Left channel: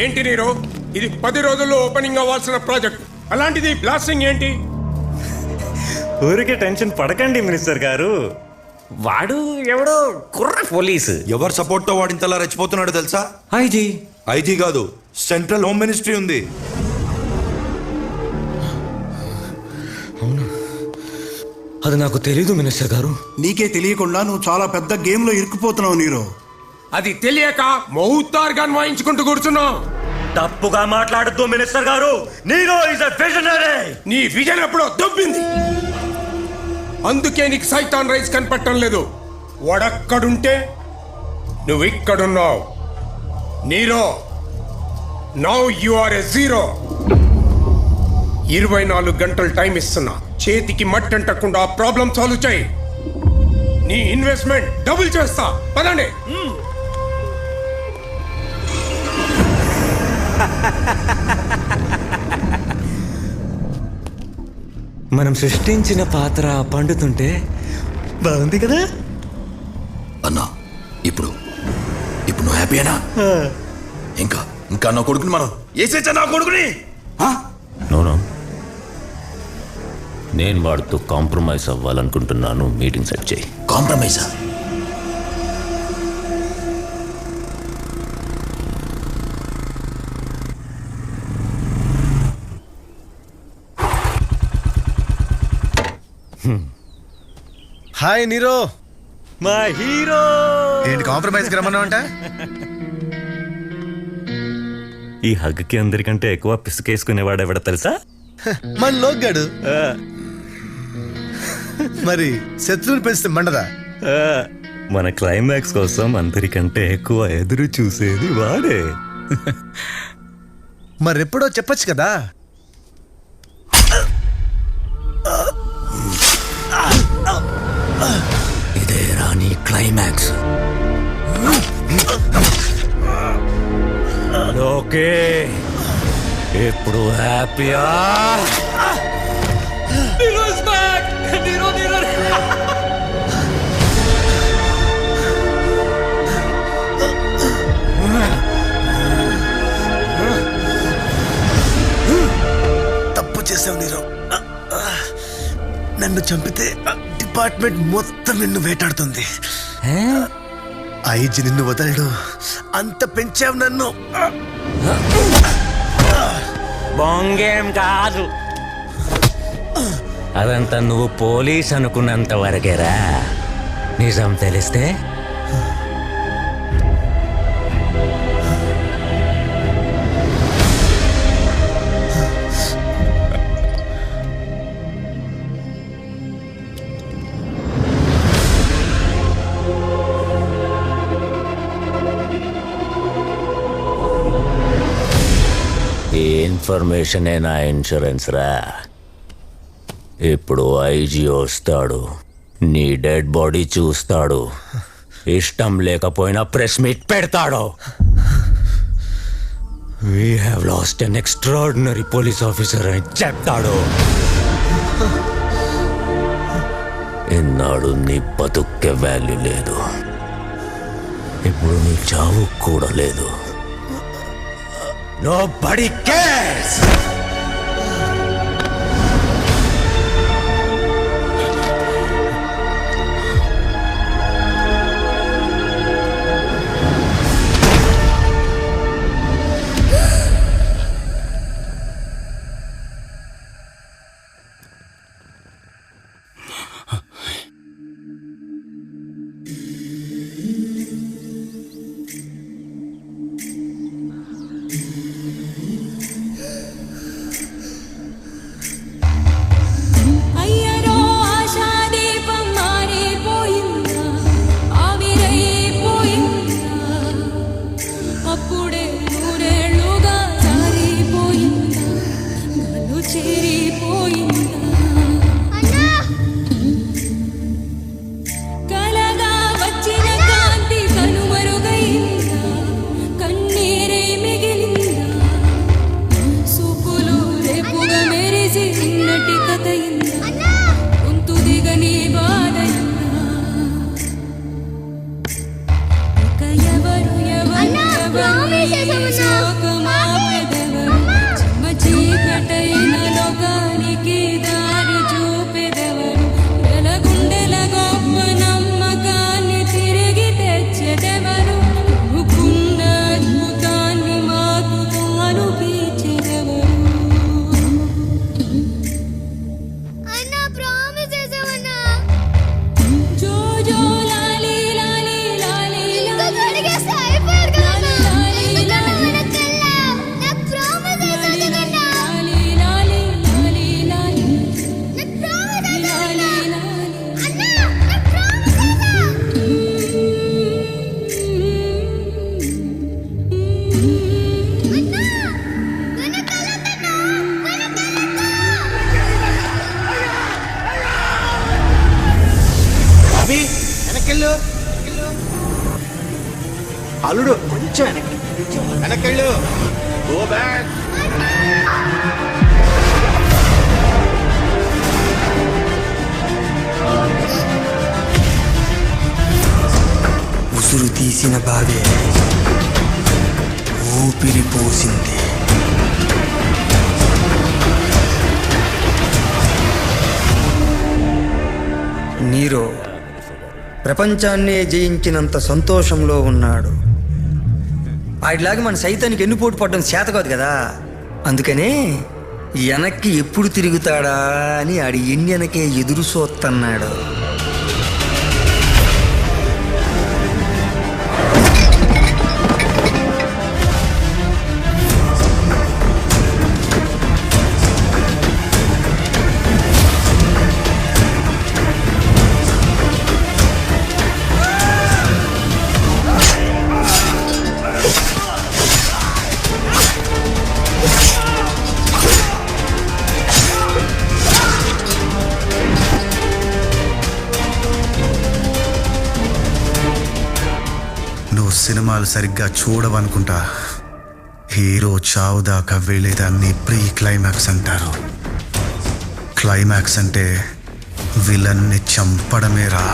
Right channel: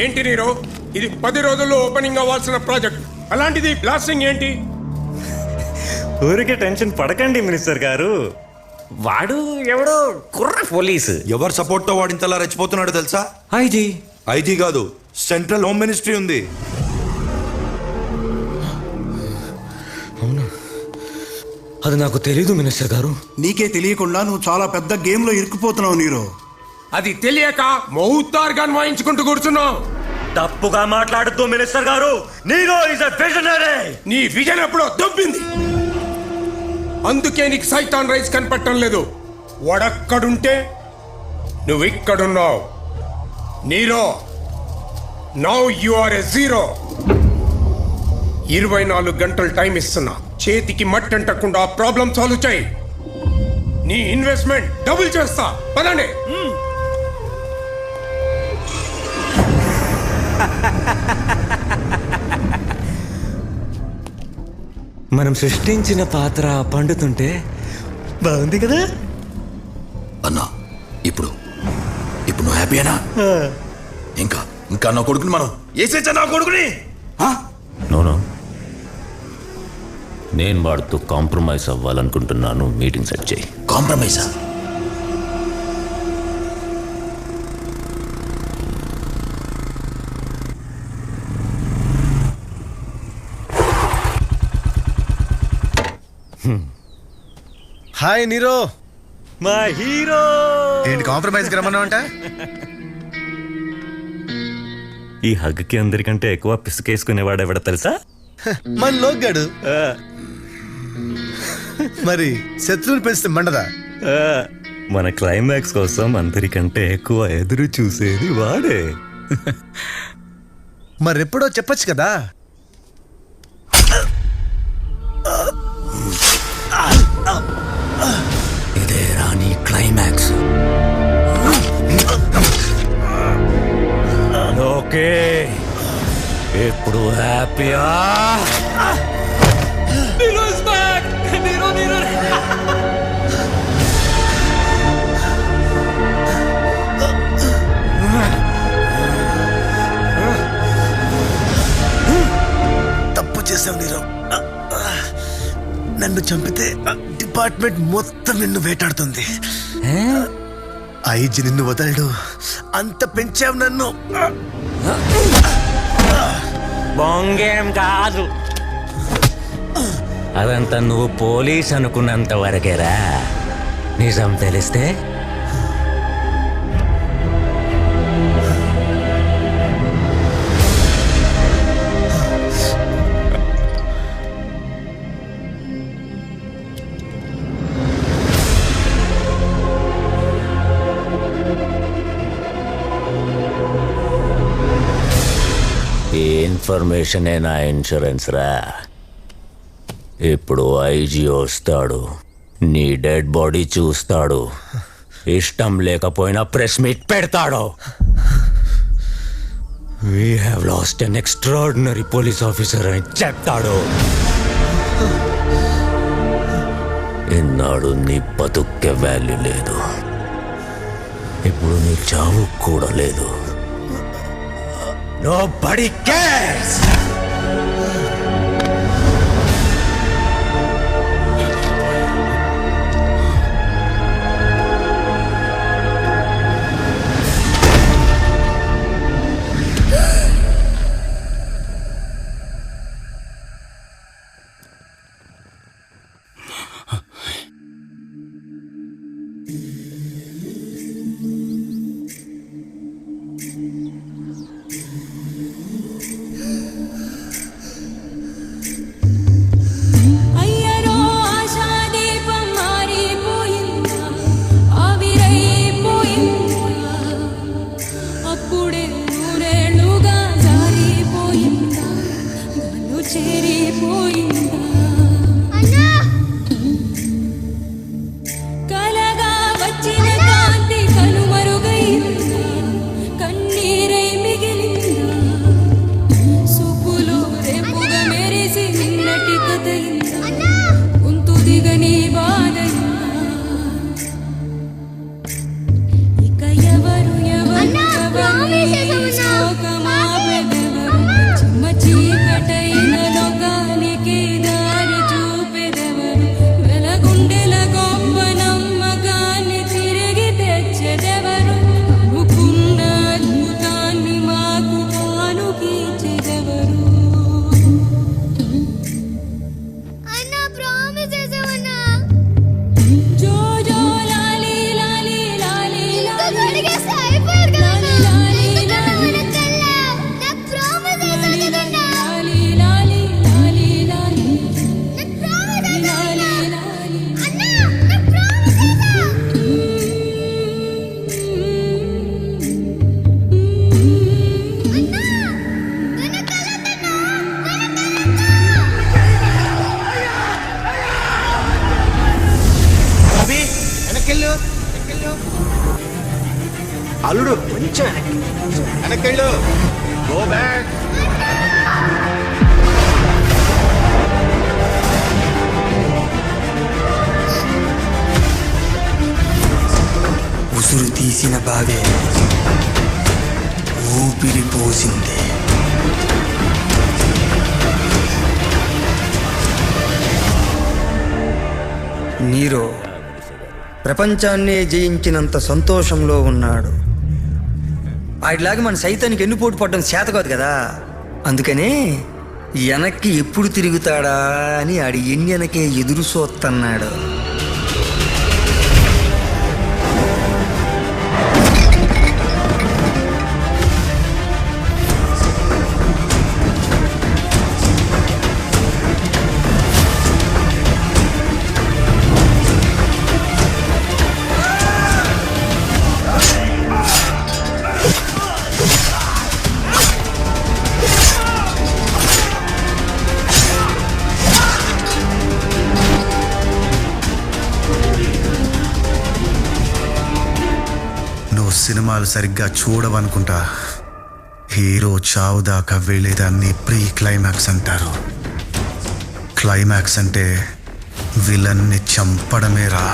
ఏంటి నీరు, ఇది 10 రోజుల్లో ఓపెనింగ్ అవ్వాల్సిన ప్రాజెక్ట్, అలాంటిది బ్లాస్టింగ్ ఏంటి? ఊరికే టెన్షన్ పడకండి మినిస్టర్ గారు. వాడు ఎవడో కుర్ర పోలీసు. ఎవరు సపోర్ట్ తో వాడు ఇంతలా రెచ్చిపోతున్నాడో తెలుసా? ఐజీ. ఐజీ కాదు, సెంట్రల్ హోమ్ మినిస్ట్రీ ఉంది. అవునా? అది నాకు తెలీదు మినిస్టర్ గారు. నీకే తెలియకుండా నువ్వు చాలా పెద్ద గేమ్ లో ఇరుక్కుపోతున్నావు నీరో. అది తెలియక మౌతార్గా వాయించుకుంటూ కూర్చున్నావు. తప్పుగా మాట్లాడద్దు మినిస్టర్ గారు. Nero is a visionary. నీ విజన్ ఎప్పుడో దొబ్బింది, అందుకే నీకు సైతాన్ రైస్ కనపడటం లేదు. వాడక్కడుంటే నువ్వు ఇక్కడున్నావు. Nero, now you are a zero. 24 గంటలు టైం ఇస్తున్నా, చేతికి మట్టి అంటకుండా ప్రాబ్లం సాల్వ్ చేయి. నీ ఇన్వెస్ట్మెంట్ డబుల్ చేస్తా. పదండి. మనం సృష్టించిన పాత్ర పండుతుంటే బాగుంది కదా అన్నా. ఇప్పుడు నువ్వు హ్యాపీయేనా? ఇంకా ఇంకా నా కొడుకుని మనం వేసేచ్చా నా కొడుకుని. నోనో, నేను వాడుతూ కాంప్రమైజ్ అవ్వాలనుకుంటున్నాను. మీటింగ్ సెట్ చేయి. కాంప్రమైజా? హాయ్ నీరో, మా హీరో. ఏంటి కాంప్రమైజ్కి రమ్మన్నావు అంట? ఈ హగ్కి అందరికంటే ఎక్కువ పిసుకేసుకునేవాడు ఎవడ తెలుసా? మన లోగ్గాడు. మరి శత్రువులు పెంచితే మండదా? మన క్లైమాక్స్ కోసం అందరికంటే ఎక్కువ ఎదురు చూసేది వాడే. మరెప్పుడో చెప్పొచ్చు కదా. ఇదే రాని క్లైమాక్స్. ఓకే, ఇప్పుడు హ్యాపీయా? తప్పు చేసావు నీరో. నన్ను చంపితే డిపార్ట్మెంట్ మొత్తం నిన్ను వేటాడుతుంది. ఐజీ నిన్ను వదలడు. అంత పెంచావు నన్ను. బొంగేం కాదు, అదంతా నువ్వు పోలీస్ అనుకున్నంత వరకేరా. నిజం తెలిస్తే ఈ ఇన్ఫర్మేషనే నా ఇన్సూరెన్స్ రా. ఇప్పుడు ఐజీ వస్తాడు, నీ డెడ్ బాడీ చూస్తాడు, ఇష్టం లేకపోయినా ప్రెస్ మీట్ పెడతాడు. We have lost an extraordinary police officer అని చెప్తాడు. ఇన్నాడు నీ బతుక్కే వాల్యూ లేదు, ఇప్పుడు నీ చావు కూడా లేదు. Nobody cares! అభి వెనక్కెళ్ళు. అల్లుడు కొంచెం వెనక్కెళ్ళు. Go back. ఉసురు తీసిన బావే ఊపిరి పోసింది. నీరో ప్రపంచాన్నే జయించినంత సంతోషంలో ఉన్నాడు. వాడిలాగా మన సైతానికి ఎన్నుపోటు పడడం చేత కాదు కదా. అందుకనే వెనక్కి ఎప్పుడు తిరుగుతాడా అని ఆడి ఎన్నెనకే ఎదురు చూస్తున్నాడు. నువ్వు సినిమాలు సరిగ్గా చూడవనుకుంటా. హీరో చావు దాకా వెళ్ళేదాన్ని ప్రీ క్లైమాక్స్ అంటారు. క్లైమాక్స్ అంటే విలన్ని చంపడమేరా.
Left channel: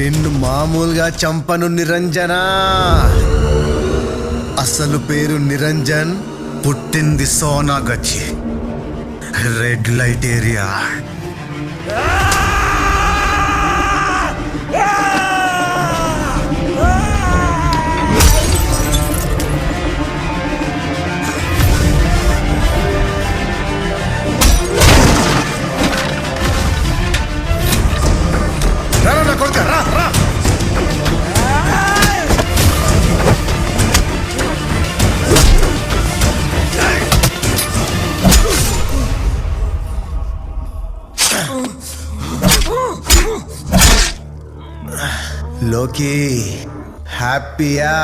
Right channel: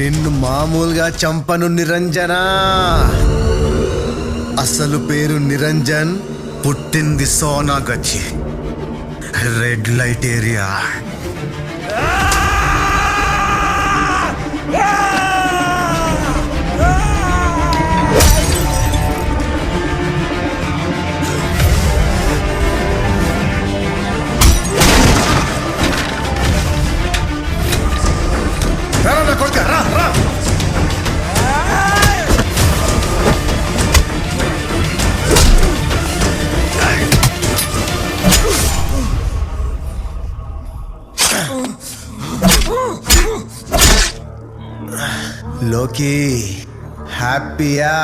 నిన్ను మామూలుగా చంపను నిరంజన. అసలు పేరు నిరంజన్, పుట్టింది సోనాగచ్చి, రెడ్ లైట్ ఏరియా. రా నా కొడుక, రా రా. లోకి హ్యాపీయా?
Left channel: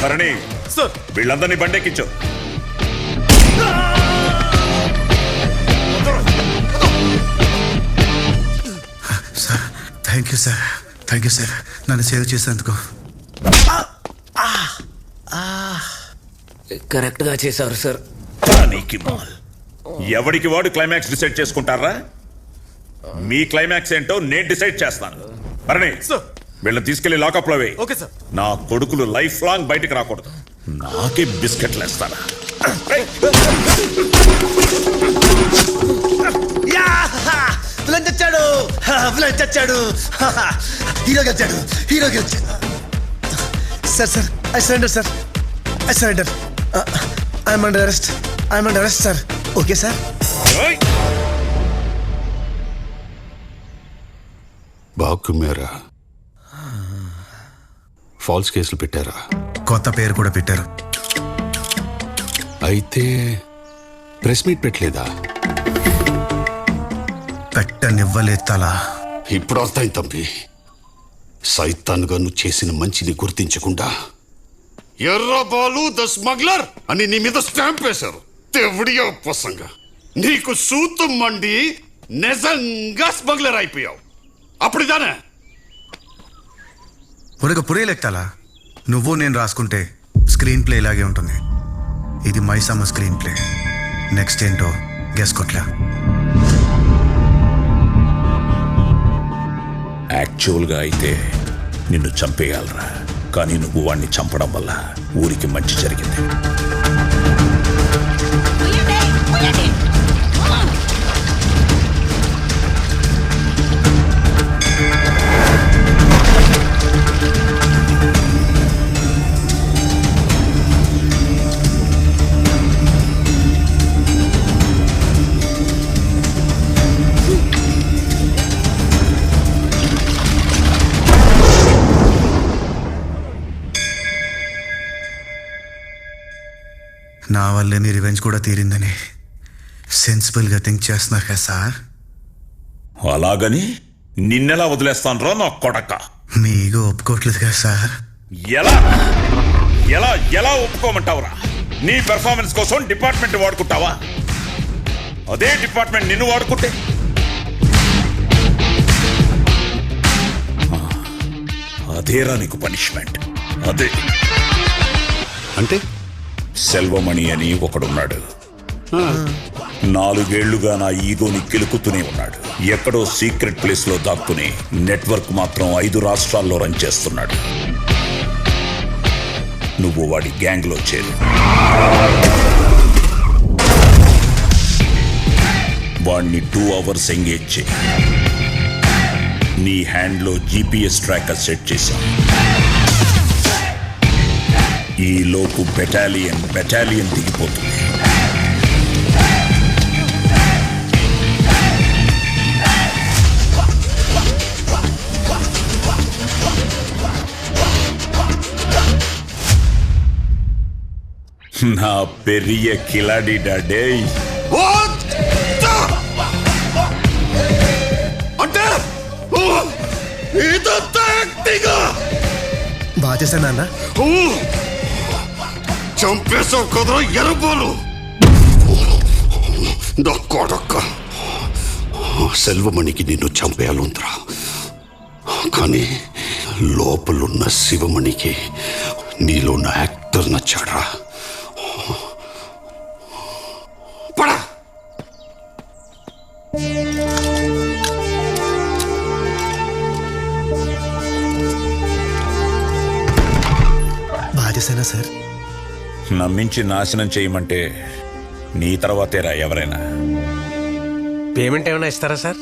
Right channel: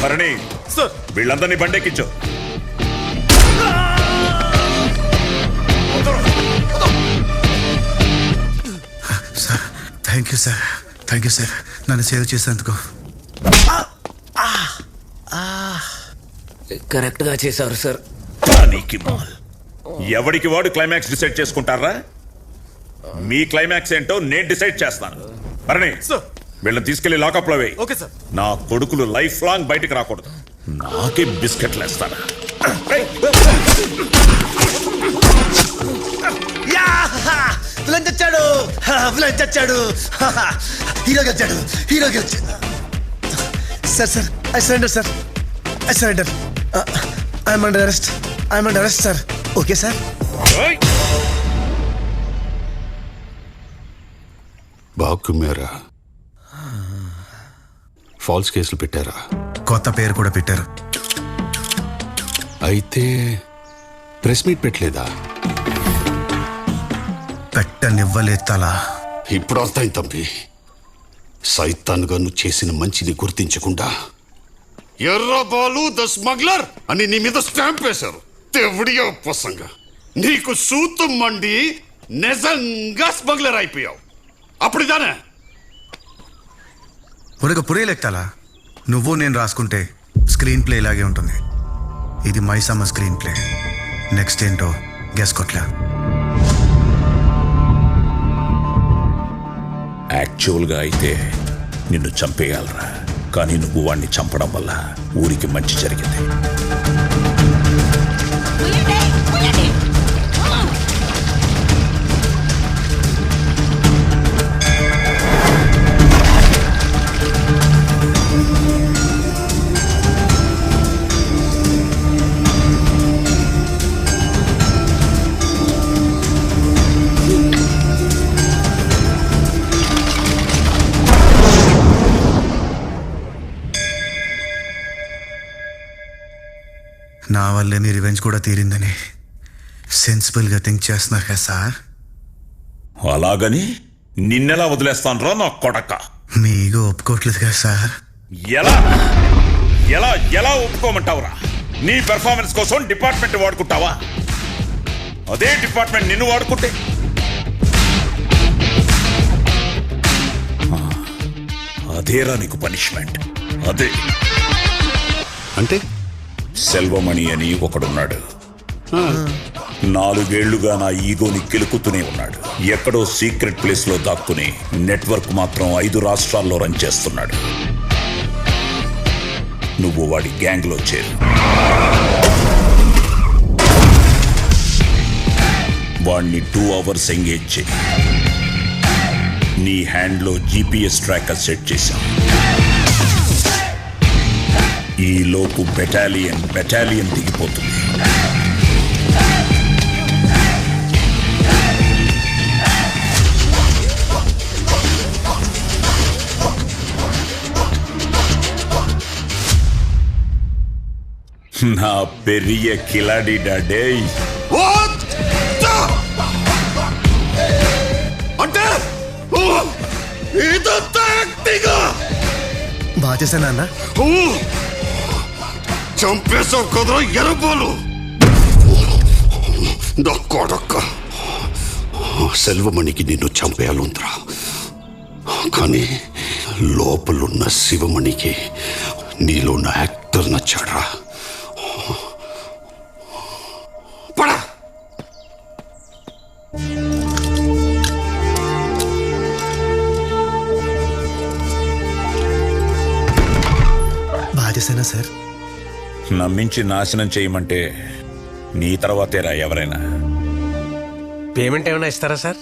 భరణి, వీళ్ళందరినీ బండెక్కించు. Sir thank you sir, thank you sir, నన్ను సేవ్ చేసేందుకు. కరెక్ట్గా చేశారు సార్. నీకి మాల్ ఎవడికి వాడు క్లైమాక్స్ డిసైడ్ చేసుకుంటారా? మీ క్లైమాక్స్ ఏంటో నేను డిసైడ్ చేస్తాను. భరణి, వీళ్ళని తీసుకెళ్లి లాకప్ లో వేయి. నా కొడుకులు లైఫ్ లాంగ్ బయటికి రాకూడదు. నాకే బిస్కెట్లు వేస్తారా? విలన్ చచ్చాడు, విలన్ చచ్చాడు, హీరో గెలిచాడు, హీరో గెలిచాడు. Sir sir I surrender sir, I surrender. I'm under arrest, I'm under arrest sir. Okay sir. బాబు మేరా ఫాల్స్ కేసులు పెట్టారా? కొత్త పేరు కూడా పెట్టారు. అయితే ప్రెస్ మీట్ పెట్టలేదా? పెట్టనివ్వలేదు తలా. ఇప్పుడు అర్థం తంపి. సైతాన్గా నువ్వు చేసిన మంచిని గుర్తించకుండా ఎర్రబాలు ద స్మగ్లర్ అని నీ మీద స్టాంప్ వేశారు. తెవుడియా ఉపసంగా నీకు సూతం మండి నిజంగా స్మగ్లర్ అయిపోయావు. అప్పుడుదానే పురగ పురేలెక్తాలా. నువ్వు నేను రాసుకుంటే స్క్రీన్ ప్లే ఇలాగే ఉంటుంది. ఇది మైసమ్మ స్క్రీన్ ప్లే. నెక్స్ట్ ఏంటో గెస్ కొట్లా. యాక్చువల్గా అయితే నిన్ను చంపేయాలరా, కానీ నువ్వు వాణ్ణి చంపడం వల్ల ఊరికి మంచి జరిగింది. నా వల్లే మీ రివెంజ్ కూడా తీరిందని సెన్సిబుల్గా థింక్ చేస్తున్నారు కదా సార్. అలాగని నిన్నెలా వదిలేస్తాను నా కొడక. మీ ఈగో ఒప్పుకోవట్లేదు కదా సార్. ఎలా ఎలా ఎలా ఒప్పుకోమంటావురా? నీ పెర్ఫార్మెన్స్ కోసం డిపార్ట్మెంట్ వాడుకుంటావా? అదే డిపార్ట్మెంట్ నిన్ను వాడుకుంటే అదేరా నీకు పనిష్మెంట్. అదే అంటే సెల్వమణి అని ఒకడున్నాడు. 4 ఏళ్లుగా నా ఈగోని కెలుకుతూనే ఉన్నాడు. ఎక్కడో సీక్రెట్ ప్లేస్ లో దాక్కుని నెట్వర్క్ మాత్రం 5 రాష్ట్రాల్లో రన్ చేస్తున్నాడు. నువ్వు వాడి గ్యాంగ్ లో చేరు. వాడిని 2 అవర్స్ ఎంగేజ్ చేయి. నీ హ్యాండ్లో GPS ట్రాకర్ సెట్ చేశాం. ఈ లోపు బెటాలియన్ దిగిపోతుంది. నా పెరియ కిలాడి డాడే. అంటే ఇదంతా యాక్టింగ్. బాగా చేశాను అన్న. చంపేశావు కదరా ఎర్రబాలు. నా కొడక్క సెల్వమణికి నిన్ను చంపేయాలంతరా, కానీ లోపలున్న శివమణికి నీలో ఉన్న యాక్టర్ నచ్చాడ్రా. పడా బాగా చేశానా సార్? నమ్మించి నాశనం చేయమంటే నీ తర్వాతేరా ఎవరైనా. పేమెంట్ ఏమైనా ఇస్తారా సార్?